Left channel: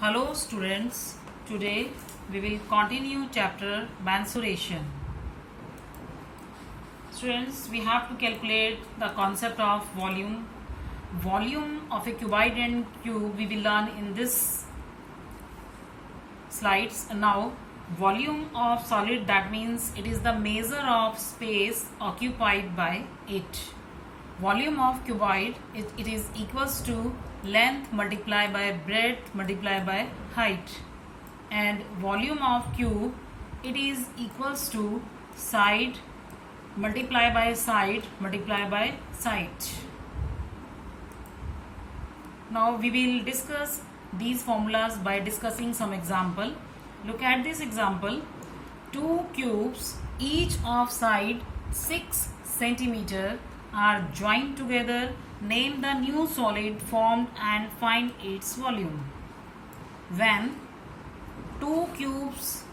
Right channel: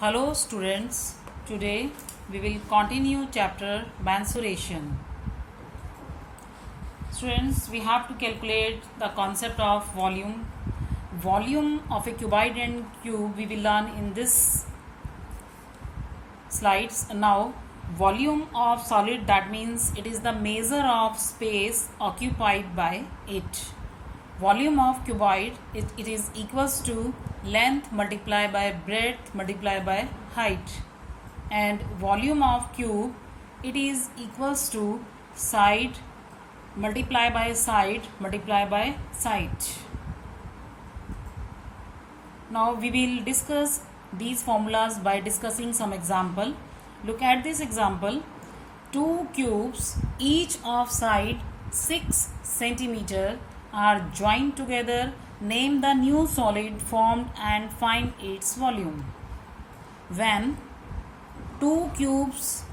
Hello students, today we will continue chapter mensuration. Students, we have to calculate the concept of volume. Volume of a cuboid and cube we will learn in this slides. Now, volume of solid, that means it is the measure of space occupied by it. Volume of cuboid, it is equals to length multiplied by breadth multiplied by height, and volume of cube, it is equals to side multiplied by side multiplied by side. Now we will discuss these formulas by discussing some example. Look at this example. Two cubes, each of side 6 centimeter, are joined together. Name the new solid formed and find its volume. When two cubes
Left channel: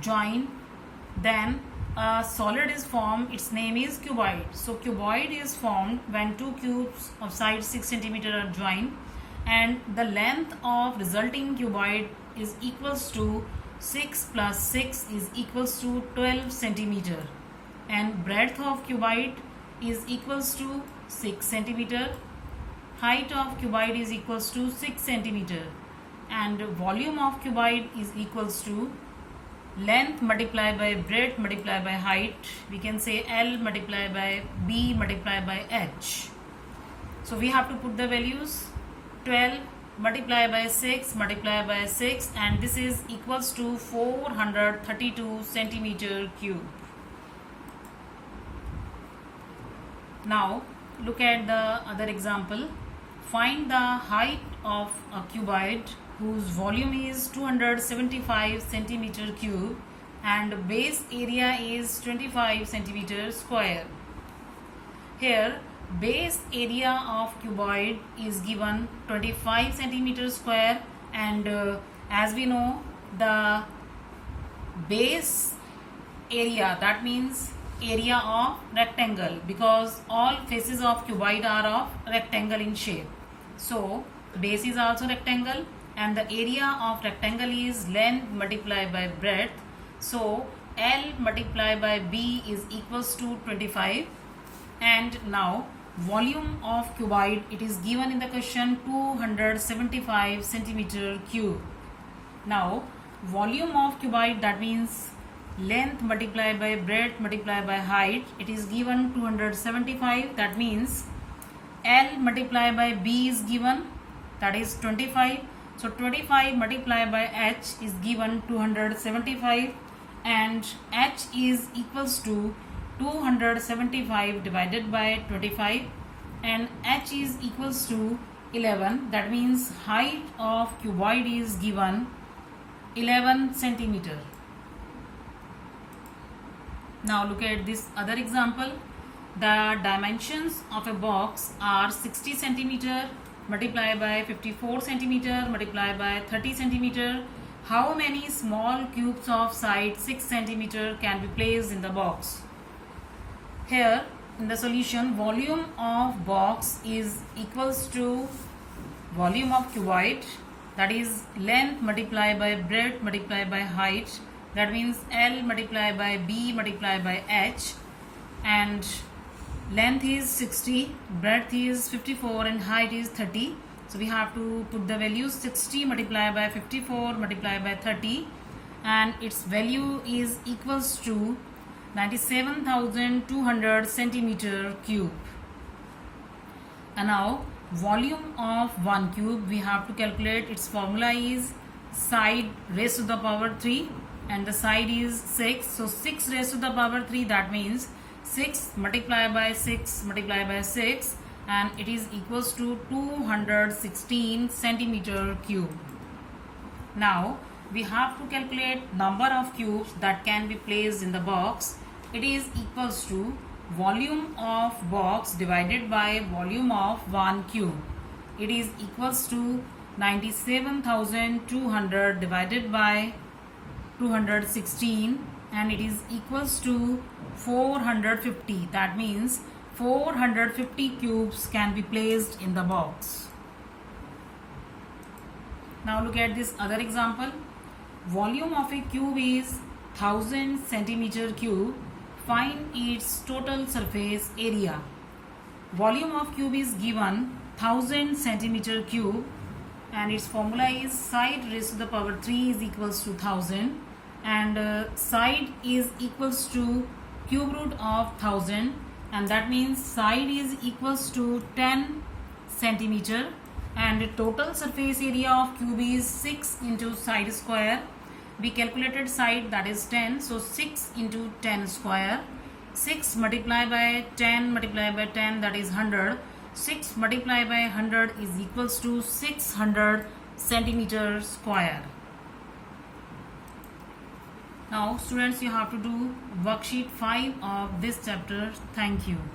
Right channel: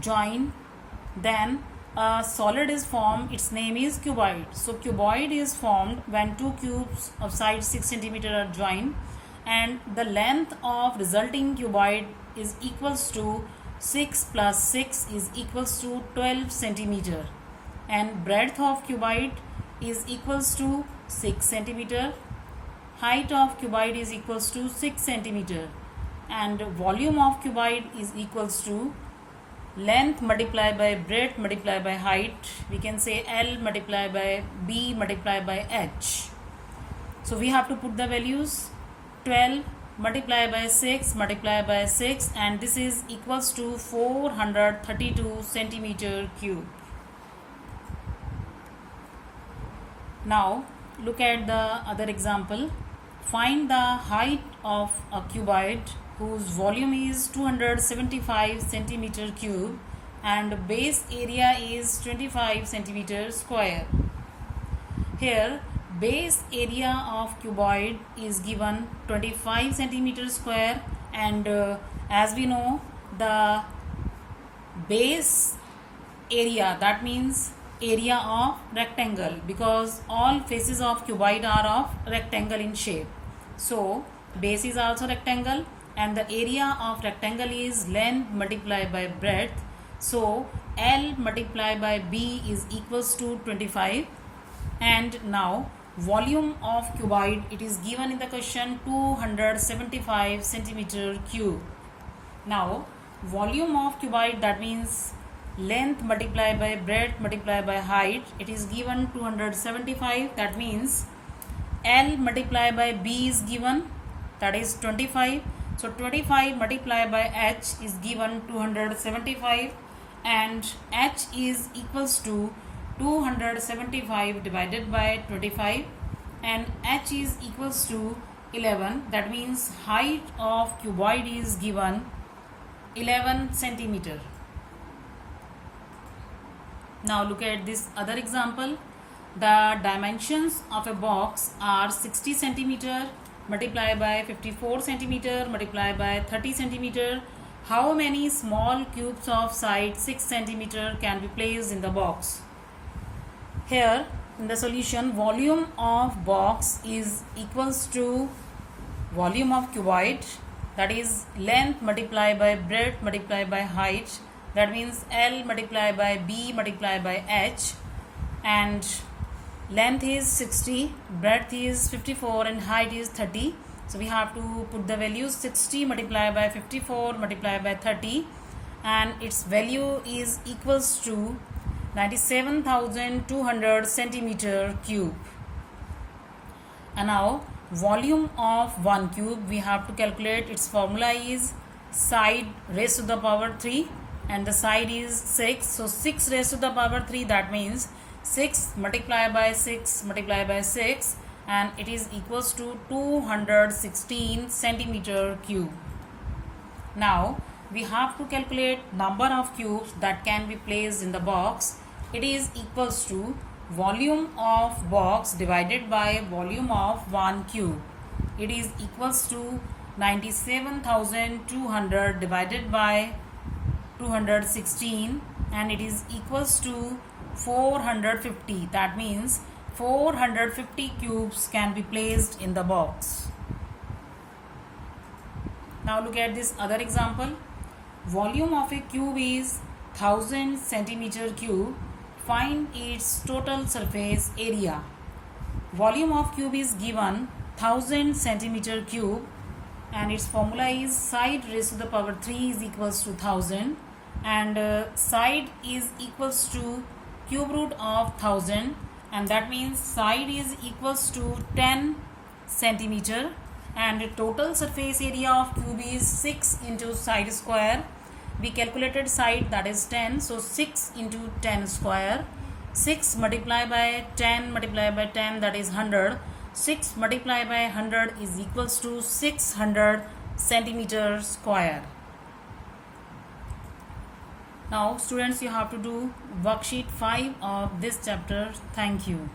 join, then a solid is formed. Its name is cuboid. So cuboid is formed when two cubes of side 6 centimeter are joined, and the length of resulting cuboid is equals to 6 plus 6 is equals to 12 centimeter, and breadth of cuboid is equals to 6 centimeter. Height of cuboid is equals to 6 centimeter, and volume of cuboid is equals to length multiplied by breadth multiplied by height. We can say L multiplied by B multiplied by H. So we have to put the values. 12 multiplied by 6 multiplied by 6, and this is equals to 432 centimeter cube. Now look at the other example. Find the height of a cuboid whose volume is 275 centimeter cube and base area is 25 centimeter square. Here base area of cuboid is given 25 centimeter square, and as we know, the base area, that means area of rectangle, because all faces of cuboid are of rectangle in shape. So base is also rectangle, and the area of rectangle is length multiplied by breadth. So L multiplied by B is equals to 25. And now volume of cuboid, it is given in the question 275 centimeter cube. Now volume of cuboid, that means length multiplied by breadth multiplied by height, it is given 275. That means L multiplied by B is given, that is 25. So 25 multiplied by H is given 275, and H is equals to 275 divided by 25, and H is equals to 11. That means height of cuboid is given 11 centimeter. Now look at this other example. The dimensions of a box are 60 centimeter multiplied by 54 centimeter multiplied by 30 centimeter. How many small cubes of side 6 centimeter can be placed in the box? Here in the solution, volume of box is equals to volume of cuboid, that is length multiplied by breadth multiplied by height, that means L multiplied by B multiplied by H, and length is 60, breadth is 54, and height is 30. So we have to put the values 60 multiplied by 54 multiplied by 30, and its value is equals to 97,200 centimeter cube. And now volume of one cube, we have to calculate. Its formula is side raised to the power 3, and the side is 6. So 6 raised to the power 3, that means 6 multiplied by 6 multiplied by 6, and it is equals to 216 centimeter cube. Now we have to calculate number of cubes that can be placed in the box. It is equals to volume of box divided by volume of one cube. It is equals to 97,200 divided by 216, and it is equals to 450. That means 450 cubes can be placed in the box. Now look at this other example. Volume of a cube is 1000 centimeter cube. Find its total surface area. Volume of cube is given 1000 centimeter cube, and its formula is side raised to the power 3 is equals to 1000, and side is equals to cube root of 1000, and that means side is equals to 10 centimeter, and the total surface area of cube is 6 into side square. We calculated side, that is 10, so 6 into 10 square. 6 multiplied by 10 multiplied by 10, that is 100. 6 multiplied by 100 is equals to 600 centimeter square. Now students, you have to do worksheet 5 of this chapter. Thank you.